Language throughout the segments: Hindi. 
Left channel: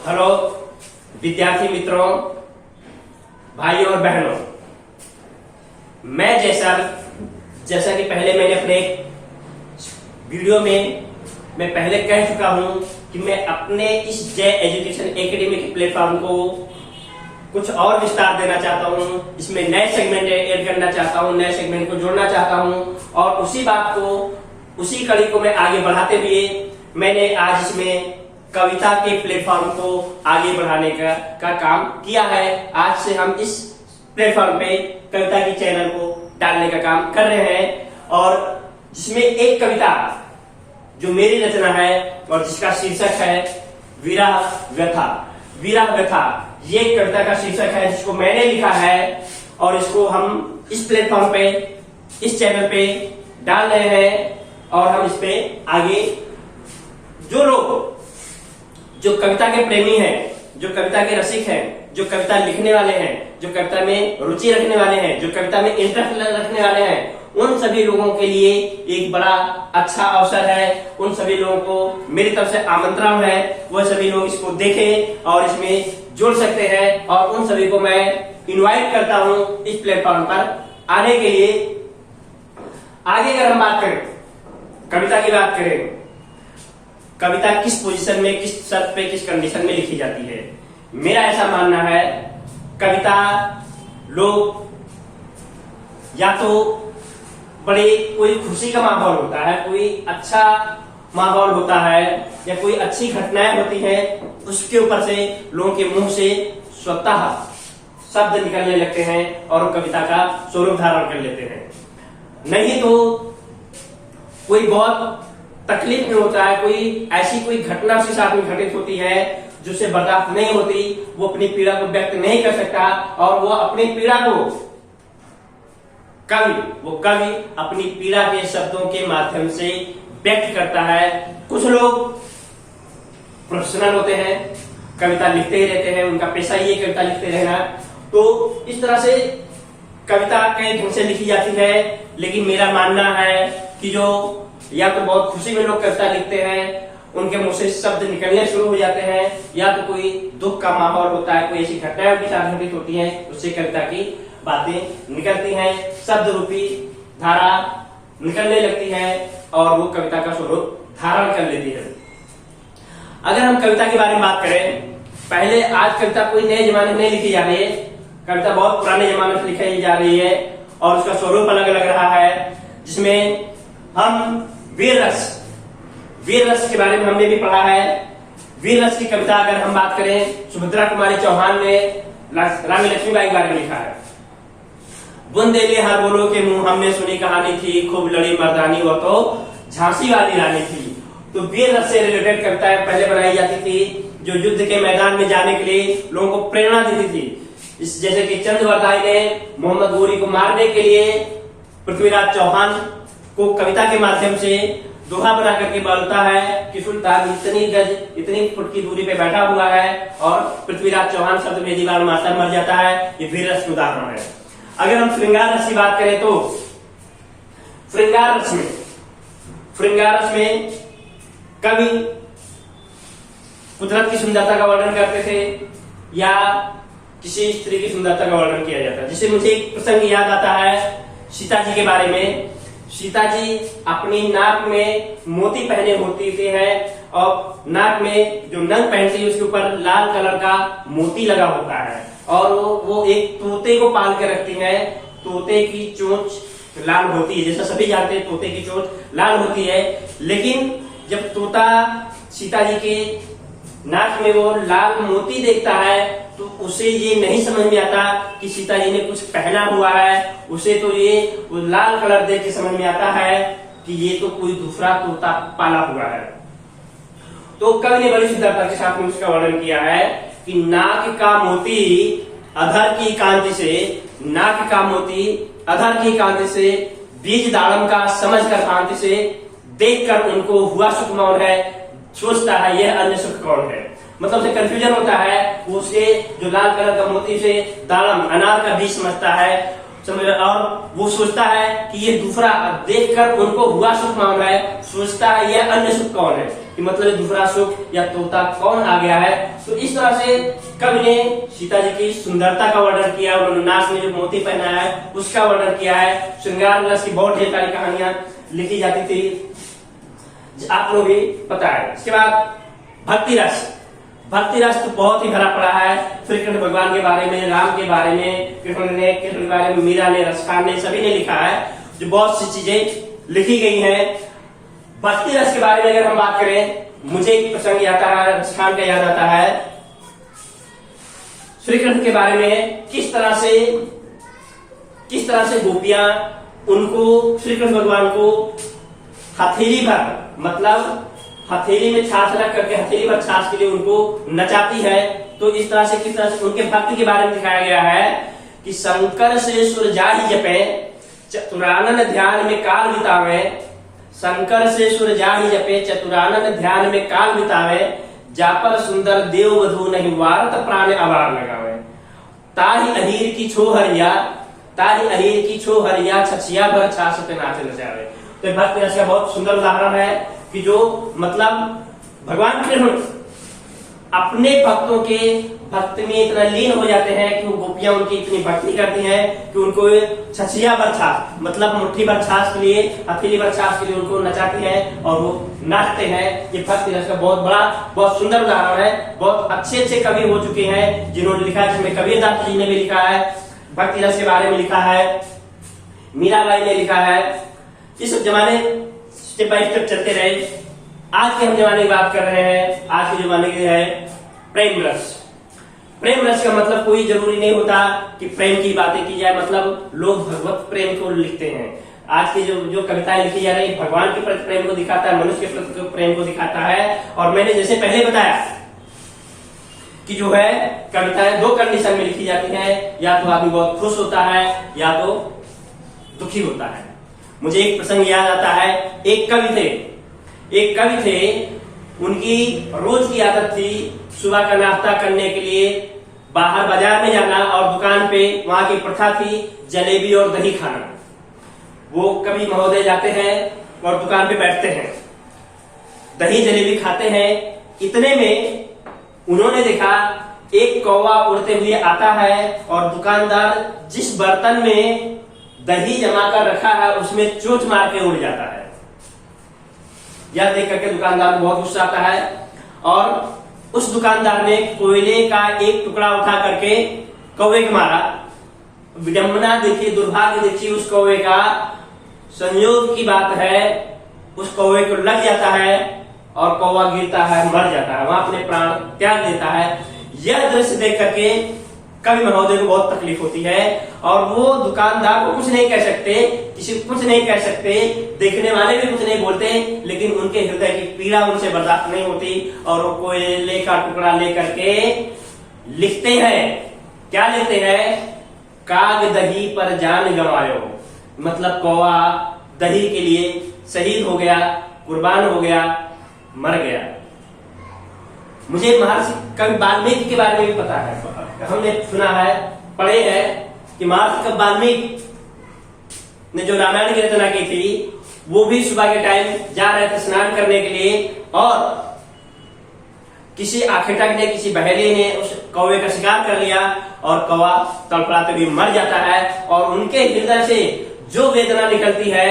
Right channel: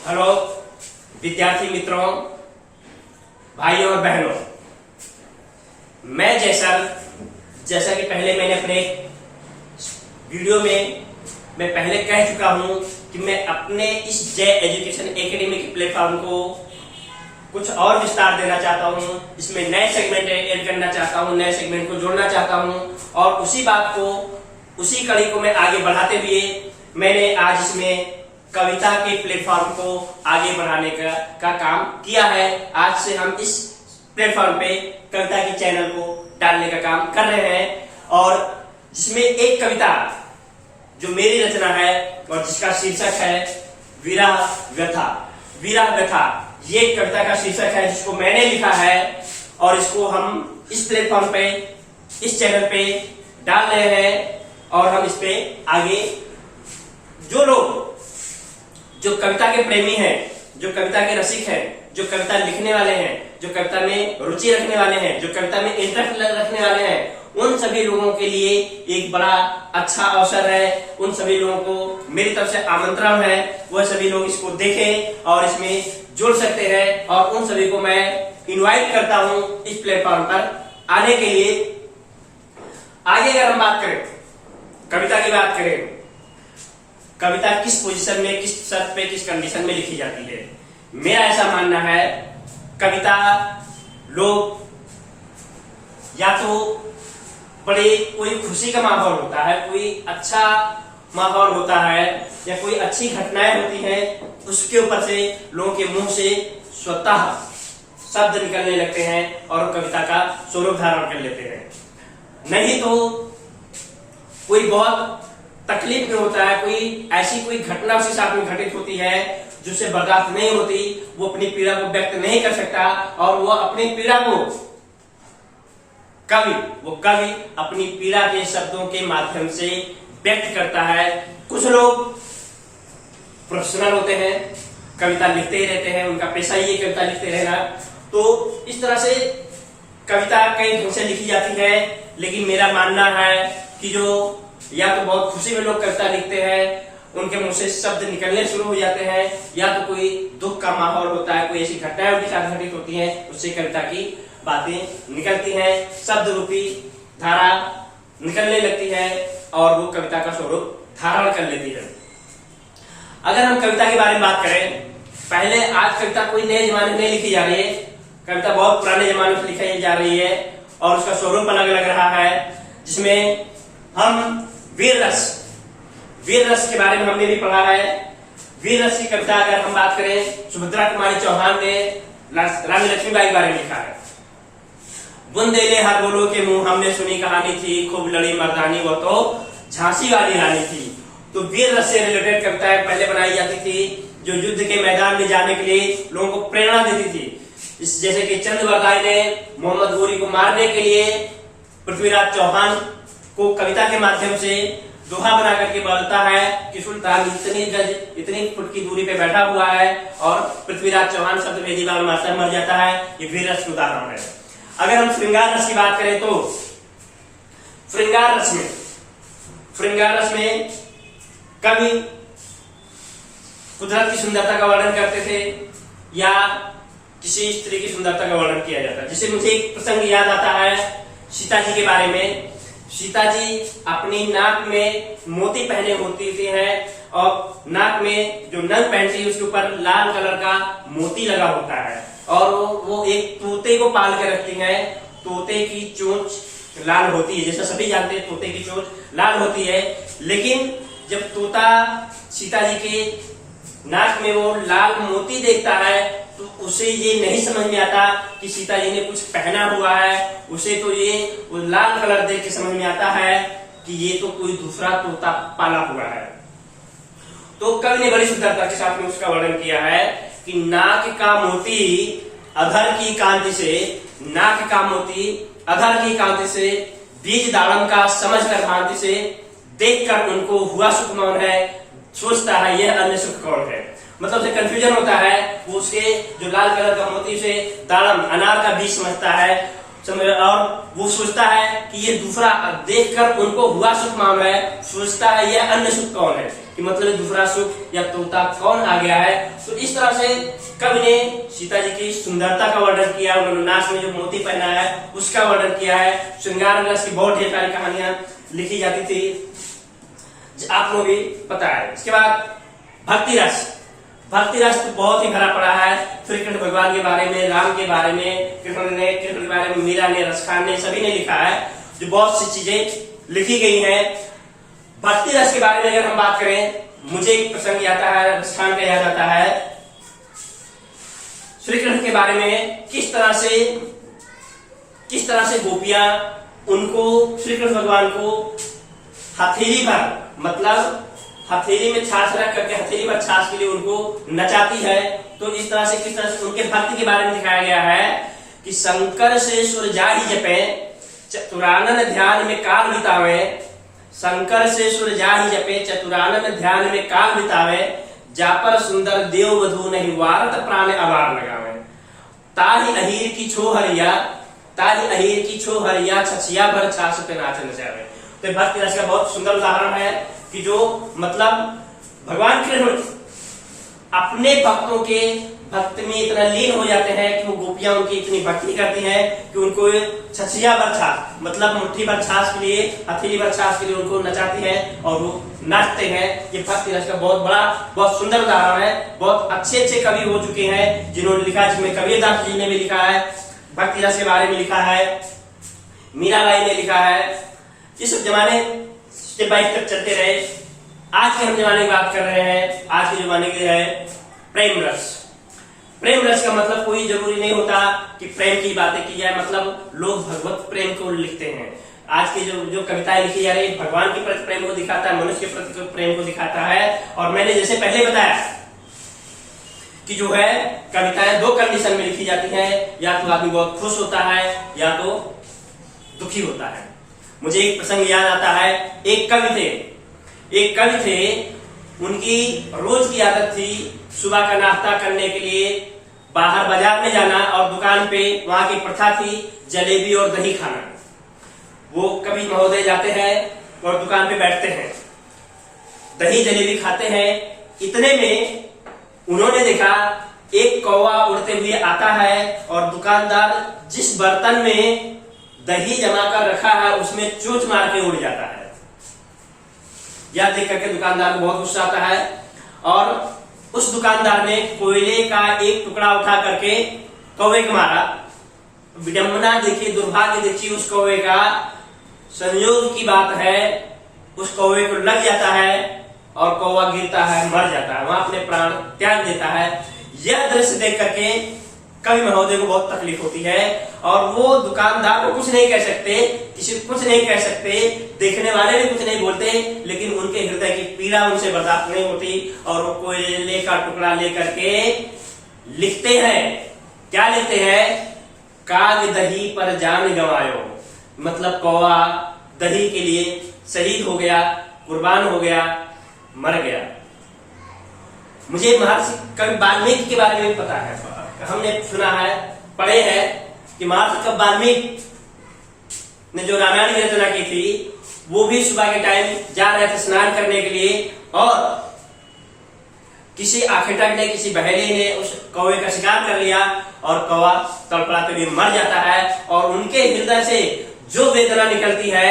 हेलो विद्यार्थी मित्रों, भाइयों और बहनों, मैं जैसा कि पहले मैंने अपने वीडियो में मैं पहले कह चुका हूं कि मैं अपने इस जय एजुकेशन एकेडमी के प्लेटफॉर्म को कुछ और विस्तार देना चाहता हूं। इसमें नए सेगमेंट ऐड करना चाहता हूं, नए सेगमेंट को जोड़ना चाहता हूं और उसी कड़ी को मैं आगे बढ़ाते हुए मैंने आज इसमें कविता के प्लेटफॉर्म को आगे बढ़ाने का काम किया है। आज से हम इस प्लेटफॉर्म पे कविता के चैनल को डालने का काम कर रहे हैं और जिसमें एक कविता जो मेरी रचना है और जिसका शीर्षक है विरह व्यथा। विरह व्यथा ये कविता का शीर्षक है जिसको मैंने लिखा है और इसको हम इस प्लेटफॉर्म पे, इस चैनल पे डाल रहे हैं और हम इस पे आगे जो लोग जो कविता के प्रेमी हैं, जो कविता के रसिक हैं, जो कविता लिखने वाले हैं, जो कविता में रुचि रखने वाले हैं, जो कविता में इंटरेस्ट रखने वाले हैं, उन सभी लोगों के लिए एक बड़ा अच्छा अवसर है। उन सभी लोगों को मेरी तरफ से आमंत्रण है, वह सभी लोग इसको देखें और इसमें जुड़ सकते हैं और उन सभी को मैं इनवाइट करता हूं इस प्लेटफॉर्म पर आने के लिए। आगे अगर हम बात करें, कविता की बात करें, कविता किस पोजीशन में, किस शर्त पे, किस कंडीशन में लिखी जाती है। मेरा ऐसा मानना है कविता लोग या तो बड़े कोई खुशी का माहौल होता है, कोई अच्छा माहौल होता है या कोई अच्छी घटनाएं होती हैं, उसके ऊपर से लोगों के मुंह से स्वतः शब्द निकलने लगते हैं और कविता का स्वरूप धारण कर लेते हैं। नहीं तो कोई बहुत तकलीफ में होता है, कोई ऐसी कोई घटना उसके साथ में घटित होती है जिससे बर्दाश्त नहीं होती, वो अपनी पीड़ा को व्यक्त नहीं कर सकता और वो अपनी पीड़ा को कवि अपनी पीड़ा के शब्दों के माध्यम से व्यक्त करता है। कुछ लोग प्रोफेशनल होते हैं, कविता लिखते ही रहते हैं, उनका पेशा ही है कविता लिखते रहना। तो इस तरह से कविता कई ढंग से लिखी जाती है, लेकिन मेरा मानना है कि जो या तो बहुत खुशी में लोग कविता लिखते हैं, उनके मुंह से शब्द निकलने शुरू हो जाते हैं, या तो कोई दुख का माहौल होता है, कोई ऐसी घटनाएं उनके साथ घटित होती हैं, उससे कविता की बातें निकलती हैं, शब्द रूपी धारा निकलने लगती है और वो कविता का स्वरूप धारण कर लेती है। अगर हम कविता के बारे में बात करें, पहले आज कविता कोई नए जमाने में नहीं लिखी जा रही है, कविता बहुत पुराने जमाने से लिखी जा रही है और उसका स्वरूप अलग अलग रहा है। जिसमें हम वीर रस के बारे में हमने भी पढ़ा है। वीर रस की कविता अगर हम बात करें, सुभद्रा कुमारी चौहान ने रानी लक्ष्मीबाई के बारे में लिखा है। बुंदेले हर बोलो के मुंह हमने सुनी कहानी थी, खूब लड़ी मर्दानी वो तो झांसी वाली रानी थी। तो वीर रस से रिलेटेड कविताएं पहले बनाई जाती थी जो युद्ध के मैदान में जाने के लिए लोगों को प्रेरणा देती थी। जैसे कि चंद्रवरदाई ने मोहम्मद गोरी को मारने के लिए पृथ्वीराज चौहान को कविता के माध्यम से दोहा बना करके बोलता है कि सुल्तान इतनी फुट की दूरी पे बैठा हुआ है और पृथ्वीराज चौहान शब्द भेदी बार मारता मर जाता है। ये वीर रस उदाहरण है। अगर हम श्रृंगार रस की बात करें तो श्रृंगार रस में कवि कुदरत की सुंदरता का वर्णन करते थे या किसी स्त्री की सुंदरता का वर्णन किया जाता है। जिससे मुझे एक प्रसंग याद आता है सीता जी के बारे में। सीता जी अपनी नाक में मोती पहने होती है और नाक में जो नंग पहनती है उसके ऊपर लाल कलर का मोती लगा होता है और वो एक तोते को पाल के रखती है। तोते की चोंच लाल होती है, जैसा सभी जानते हैं तोते की चोंच लाल होती है, लेकिन जब तोता सीता जी के नाक में वो लाल मोती देखता है तो उसे ये नहीं समझ में आता कि सीता जी ने कुछ पहना हुआ है। उसे तो ये लाल कलर देख के समझ में आता है कि ये तो कोई दूसरा तोता पाला हुआ है। तो कवि ने बड़ी सुंदरता के साथ में उसका वर्णन किया है कि नाक का मोती अधर की कांति से, नाक का मोती अधर की कांति से, बीज दाड़म का समझ कर भांति से, देखकर उनको हुआ सुख मौन है, सोचता है यह अन्य सुख कौन है। मतलब से कंफ्यूजन होता है, वो उसके जो लाल कलर का मोती से दाड़म अनार का बीज समझता है, और वो सोचता है कि ये दूसरा देखकर उनको हुआ सुख मान रहा है, सोचता है यह अन्य सुख कौन है, कि मतलब दूसरा सुख या तोता कौन आ गया है। तो इस तरह से कवि ने सीता जी की सुंदरता का वर्णन किया, उन्होंने नाक में जो मोती पहना है उसका वर्णन किया है। श्रृंगार विलास की बहुत ढेर सारी कहानियां लिखी जाती थी, आप लोग भी पता है। इसके बाद भक्ति रस, भक्ति रस तो बहुत ही भरा पड़ा है। फिर कृष्ण भगवान के बारे में, राम के बारे में, कृष्ण के बारे में मीरा ने, रसखान ने, सभी ने लिखा है, जो बहुत सी चीजें लिखी गई हैं। भक्ति रस के बारे में अगर हम बात करें, मुझे एक प्रसंग आता है, रसखान का याद आता है। श्री कृष्ण के बारे में किस तरह से गोपियां उनको, श्री कृष्ण भगवान को हथेली भर, मतलब हथेली में छाछ रख करके हथेली पर छाछ के लिए उनको नचाती है। तो इस तरह से किस तरह से उनके भक्ति के बारे में दिखाया गया है कि शंकर से सुर जाहि जपे, चतुरानन ध्यान में काल बितावे। शंकर से सुर जाहि जपे, चतुरानन ध्यान में काल बितावे। जापर सुंदर देव वधु नहीं वारत प्राण अवार लगावे। ताहि अहीर की छो हरिया, ताहि अहीर की छो हरिया, छछिया भर छाछ पे नाचे नचावे। तो भक्ति रस का बहुत सुंदर उदाहरण है कि जो मतलब भगवान कृष्ण अपने भक्तों के भक्ति में इतना लीन हो जाते हैं कि वो गोपियां उनकी इतनी भक्ति करती हैं कि उनको छछिया भर छाछ, मतलब मुट्ठी भर छाछ के लिए, हथेली भर छाछ के लिए उनको नचाती है और वो नाचते हैं। ये भक्ति रस का बहुत बड़ा, बहुत सुंदर उदाहरण है। बहुत अच्छे अच्छे कवि हो चुके हैं जिन्होंने लिखा, जिसमें कबीरदास जी ने भी लिखा है, भक्ति रस के बारे में लिखा है, मीराबाई ने लिखा है। इस जमाने स्टेप बाय स्टेप चलते रहे। आज के हम जमाने की बात कर रहे हैं, आज के जमाने की है प्रेम रस। प्रेम रस का मतलब कोई जरूरी नहीं होता कि प्रेम की बातें की जाए, मतलब लोग भगवत प्रेम को लिखते हैं। आज की जो कविताएं लिखी जा रही है, भगवान के प्रति प्रेम को दिखाता है, मनुष्य के प्रति प्रेम को दिखाता है। और मैंने जैसे पहले बताया कि जो है कविताएं दो कंडीशन में लिखी जाती हैं, या तो आदमी बहुत खुश होता है या तो दुखी होता है। मुझे एक प्रसंग याद आता है, एक कवि थे, उनकी रोज की आदत थी सुबह का नाश्ता करने के लिए बाहर बाजार में जाना, और दुकान पे वहां की प्रथा थी जलेबी और दही खाना। वो कवि महोदय जाते हैं और दुकान पे बैठते हैं, दही जलेबी खाते हैं। इतने में उन्होंने देखा एक कौवा उड़ते हुए आता है और दुकानदार जिस बर्तन में दही जमा कर रखा है उसमें चोंच मार के उड़ जाता है। यह देख करके दुकानदार को बहुत गुस्सा आता है और उस दुकानदार ने कोयले का एक टुकड़ा उठा करके कौवे को मारा। विडंबना देखिए, दुर्भाग्य देखिए उस कौवे का। संयोग की बात है उस कौवे को लग जाता है और कौवा गिरता है, मर जाता है, वहां अपने प्राण त्याग देता है। यह दृश्य देख करके कवि महोदय को बहुत तकलीफ होती है और वो दुकानदार को कुछ नहीं कह सकते, किसी को कुछ नहीं कह सकते, देखने वाले भी कुछ नहीं बोलते, लेकिन उनके हृदय की पीड़ा उनसे बर्दाश्त नहीं होती और वो कोयले का टुकड़ा लेकर के लिखते हैं। क्या लिखते हैं? काग दही पर जान गंवायो, मतलब कौवा दही के लिए शहीद हो गया, कुर्बान हो गया, मर गया। मुझे महर्षि कवि वाल्मीकि के बारे में भी पता है, हमने सुना है, पढ़े हैं कि महर्षि कवि वाल्मीकि ने जो रामायण की रचना की थी वो भी सुबह के टाइम जा रहे थे स्नान करने के लिए और किसी आखेटक ने, किसी बहेली ने उस कौवे का शिकार कर लिया और कौवा तड़फड़ाते हुए मर जाता है और उनके हृदय से जो वेदना निकलती है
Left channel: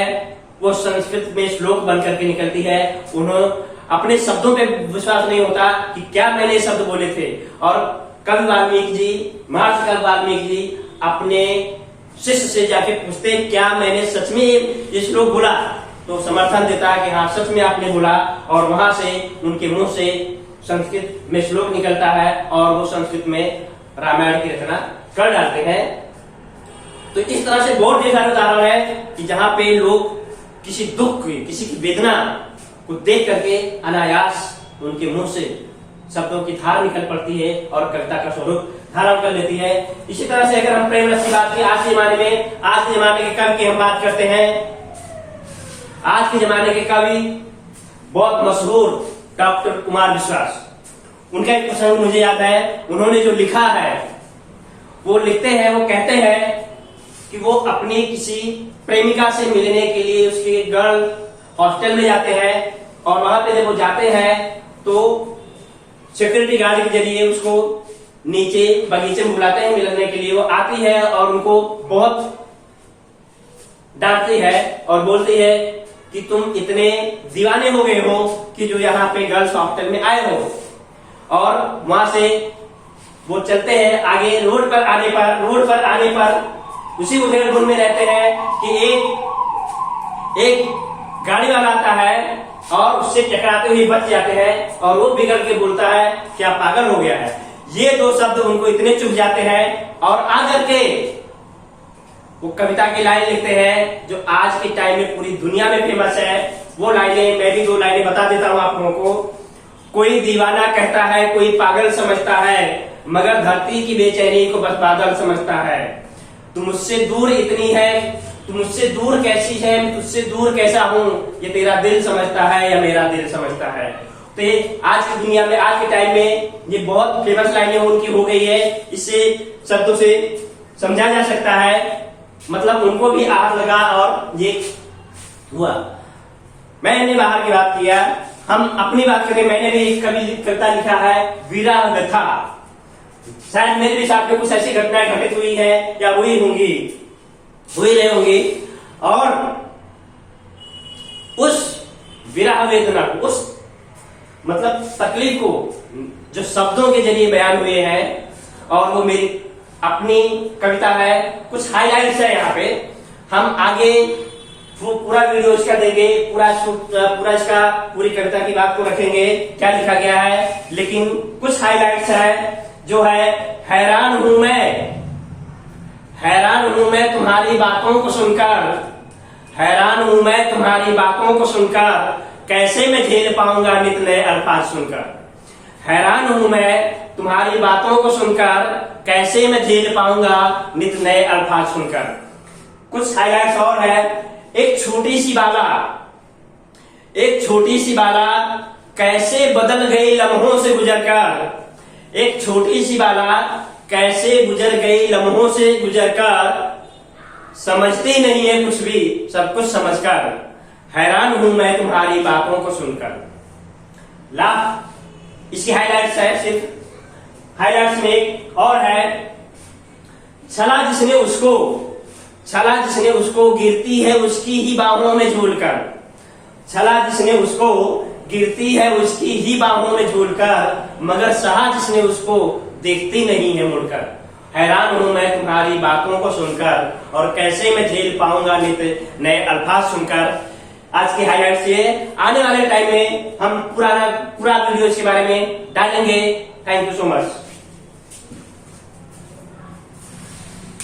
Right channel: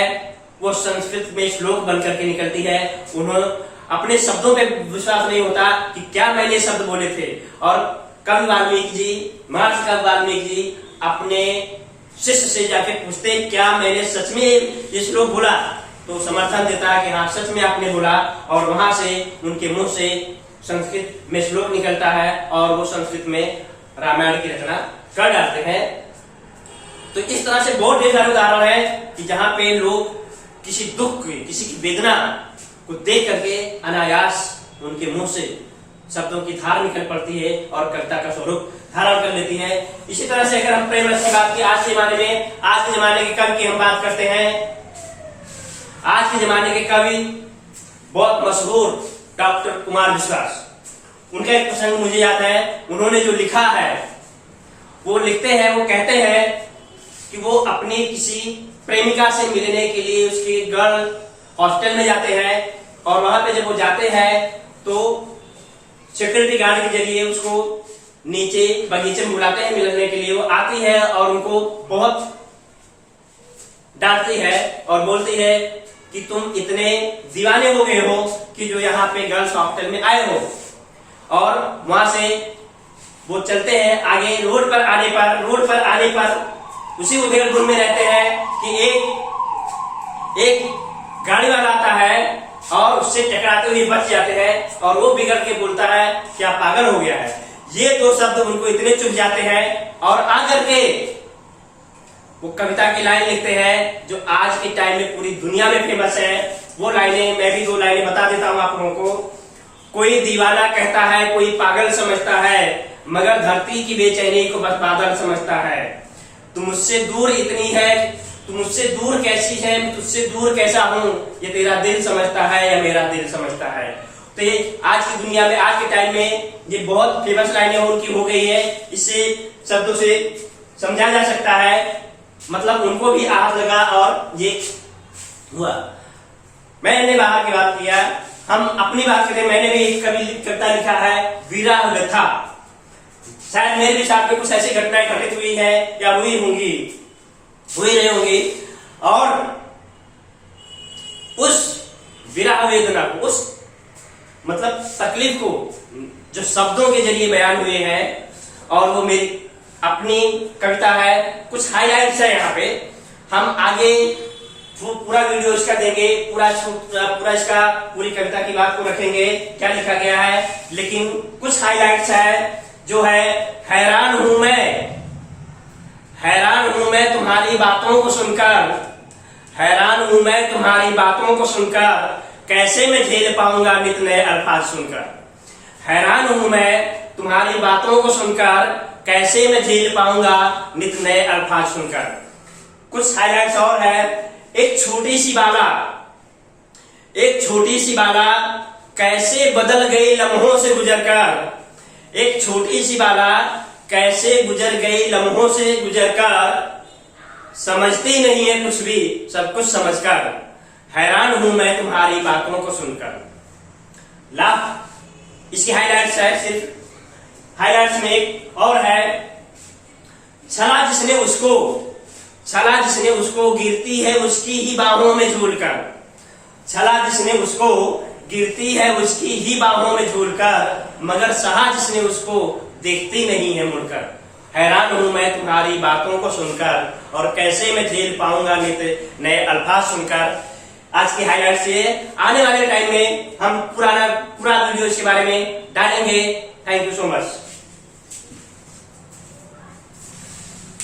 वो संस्कृत में श्लोक बन करके निकलती है। उन्होंने अपने शब्दों पे विश्वास नहीं होता कि क्या मैंने शब्द बोले थे। और कवि वाल्मीकि जी, महर्षि कवि वाल्मीकि जी अपने शिष्य से जाके पूछते क्या मैंने सच में ये श्लोक बोला, तो समर्थन देता है कि हाँ सच में आपने बोला। और वहां से उनके मुंह से संस्कृत में श्लोक निकलता है और वो संस्कृत में रामायण की रचना कर डालते हैं। तो इस तरह से बहुत ढेर सारे उदाहरण है कि जहां पे लोग किसी दुख की, किसी की वेदना को देख करके अनायास उनके मुंह से शब्दों की धार निकल पड़ती है और कविता का स्वरूप धारण कर लेती है। इसी तरह से अगर हम प्रेम रस की बात की, आज के जमाने के कवि की हम बात करते हैं। आज के जमाने के कवि बहुत मशहूर डॉक्टर कुमार विश्वास, उनका एक प्रसंग मुझे याद है। उन्होंने जो लिखा है वो लिखते हैं, वो कहते हैं कि वो अपनी किसी प्रेमिका से मिलने के लिए उसके गर्ल हॉस्टल में जाते हैं, और वहां पे जब वो जाते हैं तो सिक्योरिटी गार्ड के जरिए उसको नीचे बगीचे में बुलाते हैं मिलने के लिए। वो आती है और उनको बहुत डांटती है और बोलती है कि तुम इतने दीवाने हो गए हो कि जो यहाँ पे गर्ल्स हॉस्टल में आए हो। और वहां से वो चलते हैं आगे। रोड पर आने पर उसी उधेड़-बुन में रहते हैं कि एक गाड़ी वाला आता है और उससे टकराते हुए बच जाते हैं, और वो बिगड़ के बोलता है क्या पागल हो गया है। ये दो शब्द उनको इतने चुभ जाते हैं, और आकर के वो कविता की लाइन लिखते हैं जो आज के टाइम में पूरी दुनिया में फेमस है। वो लाइनें मैं भी 2 लाइनें बता देता हूं आप लोगों को। कोई दीवाना कहता है, कोई पागल समझता है, मगर धरती की बेचैनी को बस बादल समझता है। तू मुझसे दूर इतनी है, तू मुझसे दूर कैसी है, मैं तुझसे दूर कैसा हूं, ये तेरा दिल समझता है या मेरा दिल समझता है। तो ये आज की दुनिया में, आज के टाइम में ये बहुत फेमस लाइनें उनकी हो गई है। इससे शब्दों से समझा जा सकता है, मतलब उनको भी आहत लगा और ये हुआ। मैंने बाहर की बात किया, हम अपनी बात करें। मैंने भी एक कविता लिखा है विरह व्यथा। शायद मेरे भी साथ में कुछ ऐसी घटनाएं घटित हुई है या हुई रही होंगी, और उस विरह वेदना को, उस मतलब तकलीफ को जो शब्दों के जरिए बयान हुए हैं, और वो मेरी अपनी कविता है। कुछ हाइलाइट्स है यहाँ पे, हम आगे पूरा वीडियो इसका देंगे, पूरा इसका पूरी कविता की बात को रखेंगे क्या लिखा गया है। लेकिन कुछ हाइलाइट्स है जो है, हैरान हूं मैं तुम्हारी बातों को सुनकर, हैरान हूं मैं तुम्हारी बातों को सुनकर, कैसे मैं झेल पाऊंगा नित नए अल्फाज सुनकर। हैरान हूं मैं तुम्हारी बातों को सुनकर, कैसे मैं झेल पाऊंगा नित नए अल्फाज सुनकर। कुछ हाइलाइट्स और है। एक छोटी सी बाला कैसे बदल गई लम्हों से गुजरकर, एक छोटी सी बाला कैसे गुजर गई लम्हों से गुजरकर, समझती नहीं है कुछ भी सब कुछ समझकर, हैरान हूं मैं तुम्हारी बातों को सुनकर। ला इसकी हाइलाइट्स है, सिर्फ हाइलाइट्स में एक और है। छला जिसने उसको गिरती है उसकी ही बाहों में झूलकर, छला जिसने उसको गिरती है उसकी ही बाहों में झूलकर, मगर सहा जिसने उसको देखती नहीं है मुड़कर। हैरान हूं मैं तुम्हारी बातों को सुनकर, और कैसे मैं झेल पाऊंगा नित नए अल्फाज सुनकर। आज की हाइलाइट्स ये। आने वाले टाइम में हम पूरा वीडियो इसके बारे में डालेंगे। Thank you so much.